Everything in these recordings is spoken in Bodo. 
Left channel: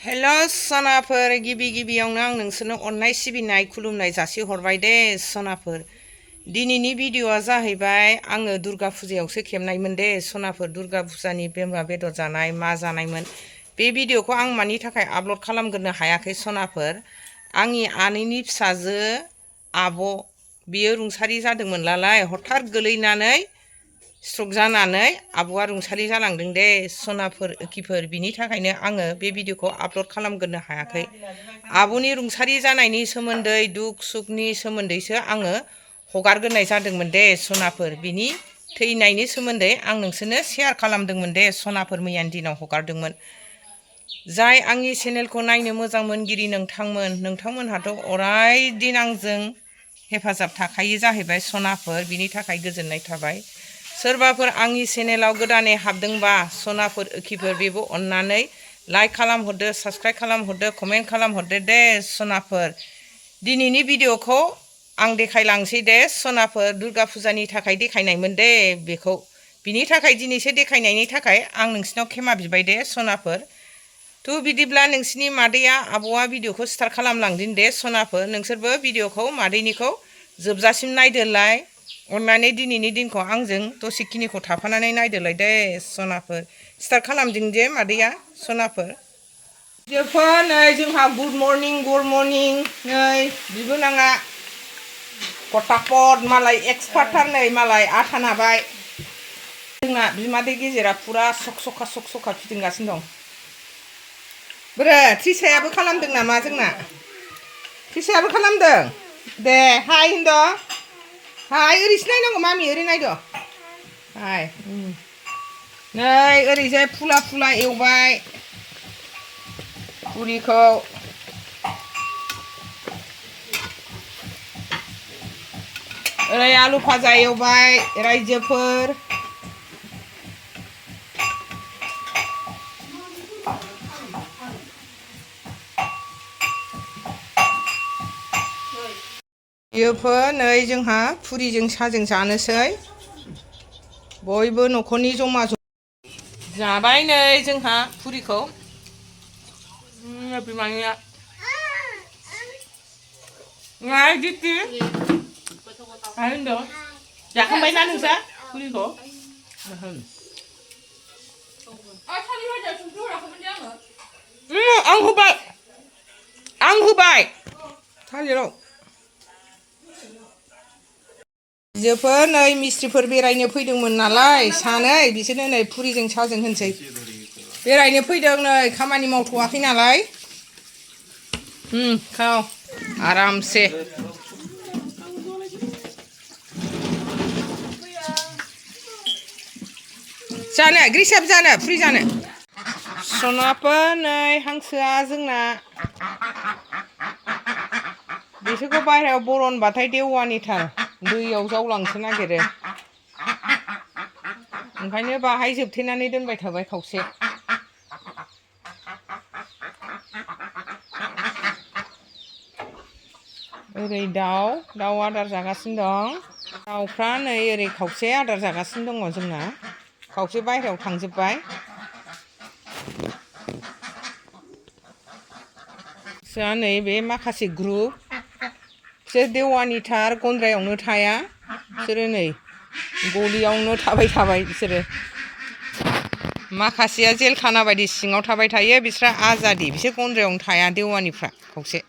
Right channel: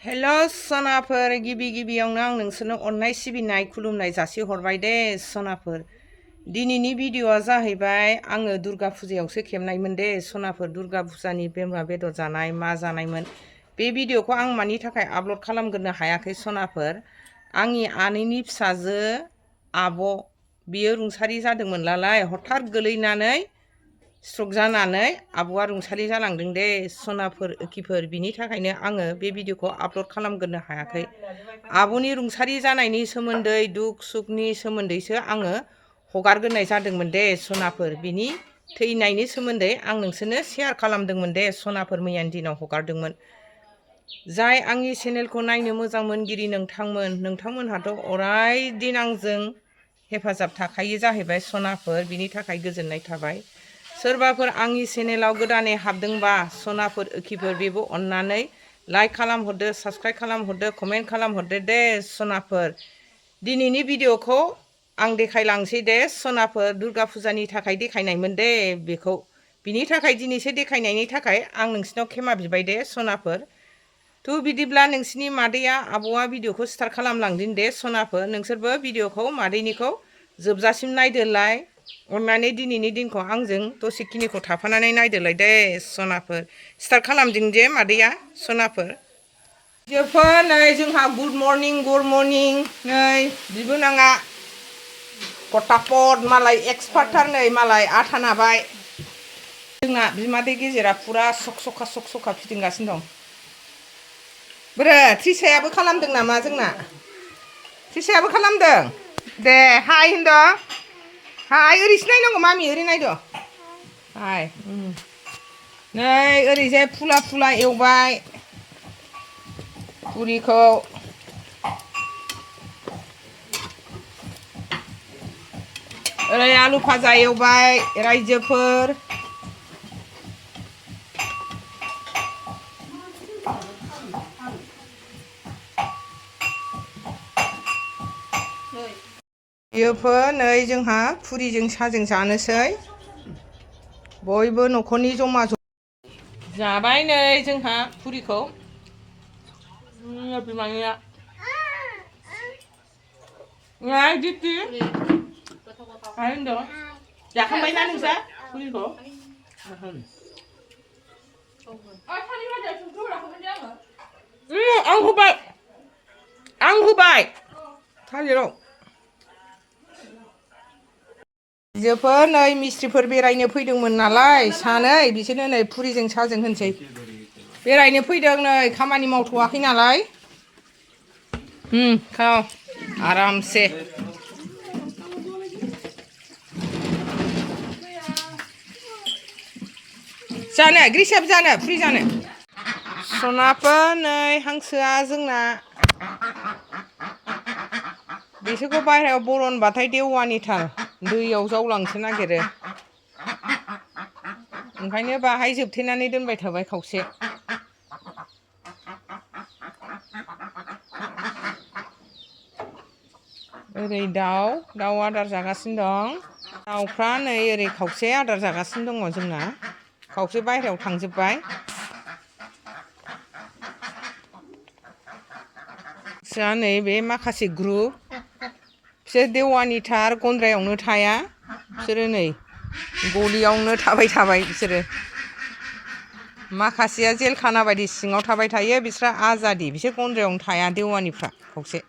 हेलो सनाफोर गिबियावनो आं नोंसोरनो अननाय सिबिनाय खुलुमनाय जासि हरबाय दे सनाफोर। दिनैनि भिडिअआ जाहैबाय आङो दुर्गा फुजायावसो खेबनायमोन दे सनाफोर। दुर्गा फुजानि बोरमा बेदर जानाय मा जानायमोन बे भिडिअखौ आं मानि थाखाय आपल'ड खालामग्रोनो हायाखै सनाफोर। आंनि आनैनि फिसाजो आब' बियो रुंसारि जादोंमोन नालाय हठात गोलैनानै स्ट्रक जानानै आब'आ रुंसारि जालांदों दे सनाफोर खिफोर। बिनि थाखायनो आङो बे भिडिअखौ आपल'ड खालामग्रोनो हायाखै। आब'नि रुंसारि जानायनि सोमोन्दै दुख सुखनि सोमोन्दैसो आङो हगारग्रोनाय जादोंमोन दे सनाफोर। बिनि थैनायनि सोमोन्दै आं नोंसोरनो शेयार खालामदोंमोन दे सनाफोर। मैयानि दिनाव हगारदोंमोन। जाय आंनि चेनेलखौ नायनो मोजां मोनगिरि नोंथांमोनहाथ' अराय दिन आंजों हेफाजाब थाखायो जाहैबाय सनाफोर। बिनि थाखाय गोजोननाय थाबाय। सोरबाफोर आंनि चेनेलाव गोदानै हाबदोंबा सनाफोर खिफोर बेबो अननानै लाइक खालामहरदो, साबस्क्राइब खालामहरदो, कमेन्ट खालामहरदो दे सनाफोर। दिनैनि भिडिअखौ आं देखायलांसै दे सनाफोर। दुर्गा फुजानि थाखाय देखायनायमोन दे बेखौ। बिनि थाखाय दिनैसो देखायनायनि थाखाय आं नोंसिनाव खेमा बिबाय दे सनाफोर। थ' बिदिब्ला नोंसिनि मादैया आब'आ भिडिअखौ स्टार्ट खालामलांदों दे सनाफोर। नोंसोरबो भिडिअखौ मादैनिखौ जोबजासिम नायदोलाय। अननानै दिनैनि दिनखौ आंजों दसेखिनिखौ थाफानानै नायदोलाय दे सनाफोर। स्टार्ट खालामदों जे मादैया सनाफोर। जोफोर नै जोंहा गुड मर्निं नै बिबोनाङा पटापट मालाय एक्सपार्टथार नै मालाय आथा नाबाय। जोंना बिमादै गेजेरा फुरा सक फिदिंगासिनो दं। बोरो थ्रिसायाबो खालामदों नामा जोंना? थ्रिसायाबो खालामदों? दे हाय होनद'। हाय ओरैसो नायनांगौ मामि ओरै नायद'। हाय नै ओरैजाय फुला एवबाय पुरिखौ। ओरै आलु भाजा एवबाय रायजोफोर। बेयोफोर नै जोंहा पुरिजों साजों जानोसै। बयबो न'खरनि जमा जाबाय नै जोंहा पुरिखौ। बिमानिया दिप्ति होनदों जाखांबायना नोंस्रा पुरिखौ? आं होबाय थालिराव। जोफोर नै मिस्थ्रिफोर बेरायनो फैदोंमोन नालाय सानै, बिसोरनो नै पुरिजों साजों होनसै। बेरायनो फैदों नै खामानि मावथ'वाखै नालाय। खाव आरामसे। जानो ग्रिसाबो जानो पुरि जानो? सनाफोर नै हांसोआ जोंना बिसोरखौ बाहेरायाव बरनबाथाय देवानिथार दैयाव जावलांसो नागिरो। ओंखायनो बाहाय जोबथेनानै दोनबाय थाबाय खावसे। ओरै दाउ आदार जागासिनो दं। दाउफ्रा नै ओरै खावसे आदार जागासिनो दङ जोंना। खावसे बाहेरायाव थांजोब्बाय। जोंहा नै बे माखासे ग्रुप बिसोर देवानिथार गन्द्रायावनो थाया। बिसोरो नै गलियावनो थाबाय बिसोरो। माखासेया जेल खाना बायदि सिङाव थाबाय थायो। बिस्रा आजादि, बिसोर गन्द्रायावनो थाया देवानिफ्रा खावसे।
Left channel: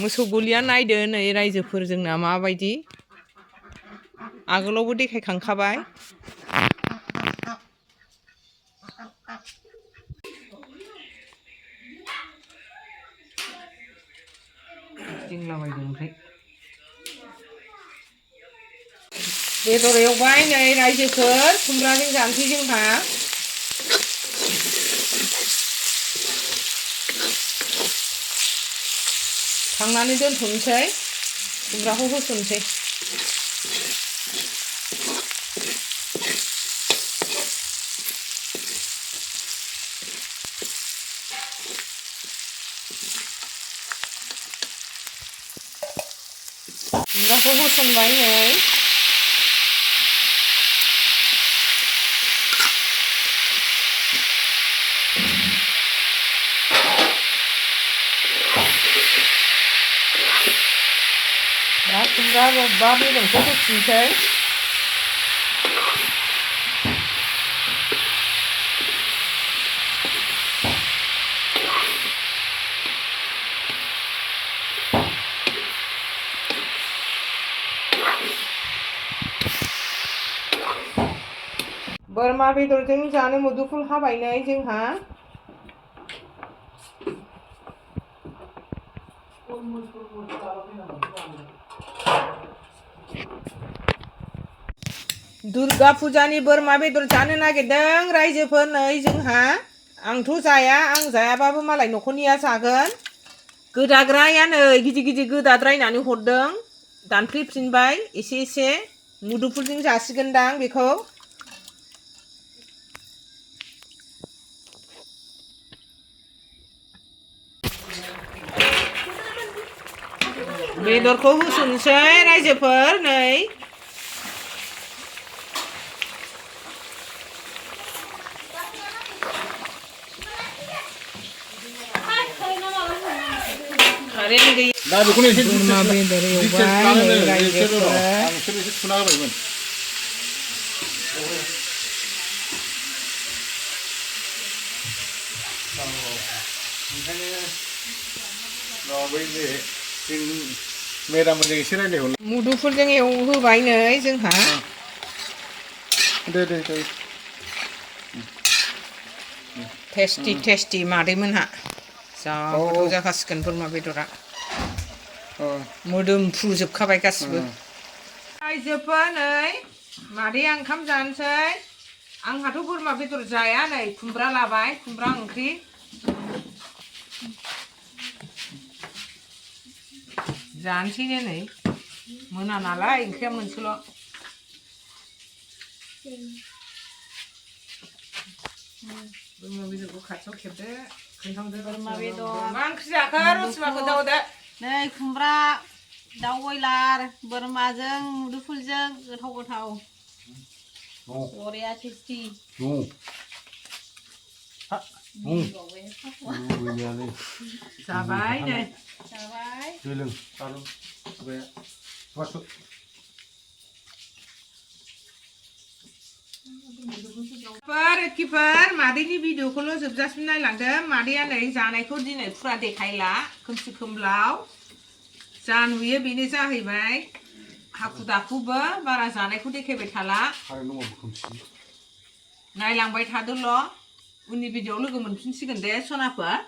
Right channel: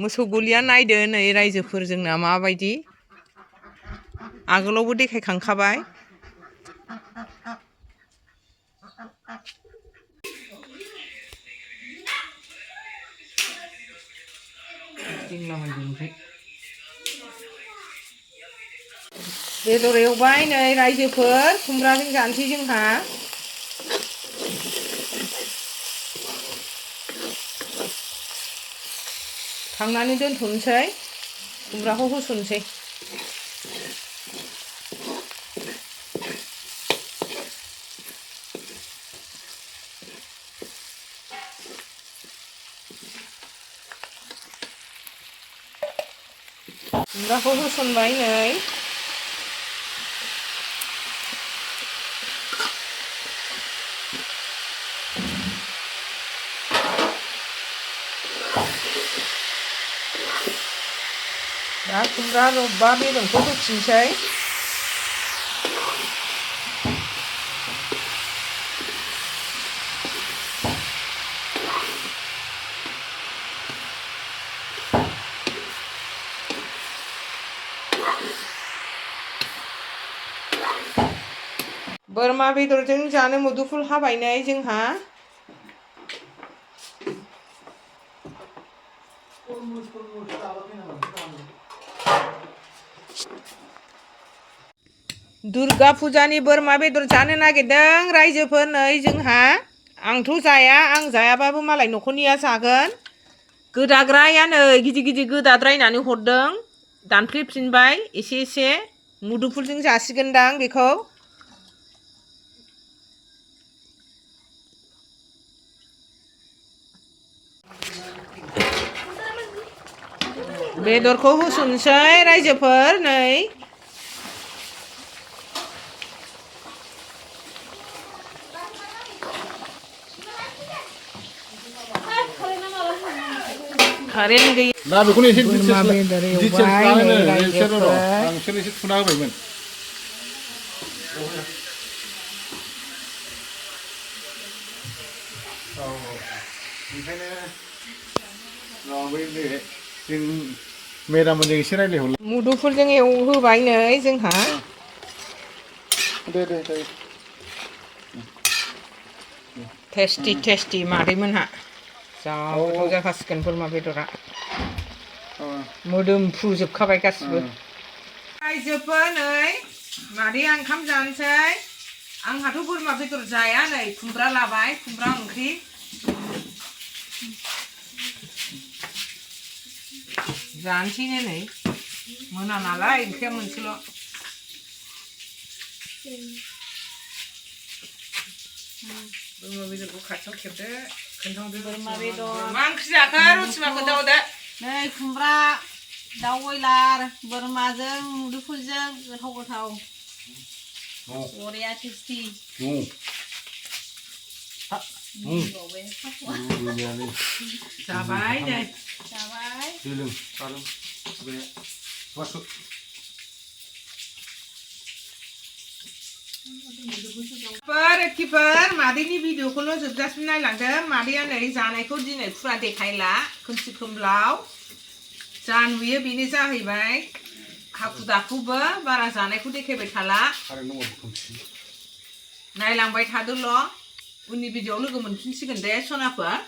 मोसौ गलिया नायदो नै रायजोफोर जोंना माबायदि। आगोलावबो देखायखांखाबाय। बेदर एवबाय नै रायजोफोर। खुमब्राजों जानोसै जोंहा। खांनानै दोनथ'नोसै, खुमब्राखौ होसननोसै। खुमब्राखौ होसनबाय नै। खुमब्रा रबबा बेदरखौ होफिनसै बोरमा बेदरजों जानो मुदुफुल हाबायनै जोंहा दुर्गा फुजानि बोरमा बेदर जानो नागिरदों रायजोफोर नै जोंहा आंथ' जाया आं जायाबाबो मालाय न'खरनिया जागोन गोदाग्राया नै गिदिर गिदिर गोदाद्रायनानै हरदों दानफ्लेफिनबाय एसे मुदुफुलजों जासिगोनदां बेखौ बेदरखौ होसनसै रायजोफोर नै बोरमा बेदर एवबाय नै रायजोफोर मुदुफुलजों होबाय नै जोंहा टेस्टि मादैमोनहा जा गोथाव जाखासिगोन बोरमा बेदरा मोदोमफ्रुजोबखाबाय गासिबो रायजोफोर नै मादैया ओंखाम जानोसै आंहाथ' बोरमा बेदर जाया नै खुमब्रा लाबाय खुमब्रा ओंख्रि जानोसैनो नै मोना नालाय ओंख्रिया मोनसेल' बोरमा बेदरखौ खाथियाव खेबदो खोन्थांदो बोरमा बेदर मा ओंख्रि जाखो रसिमा खोन्थाहरदो नै खुमब्रा दाउ बयलार बोरमाजों मुदुफुलजों गोथाव बरिया टेस्टि जाबाय नै जाबाय मादैनि भिडिअखौल' जोबजासिम नायलांदो मादैया नै जानायखौ दिनै फुरा देखायला खोमसि खोमलाव जा नुयो बेनो जाहैबाय हाखु दाखुबो बारा जानायखौ देखायबाय थाला नायलांबाय थादोल' उननि भिडिअआव लोगो मोनफिनसिगोन दे सनाफोर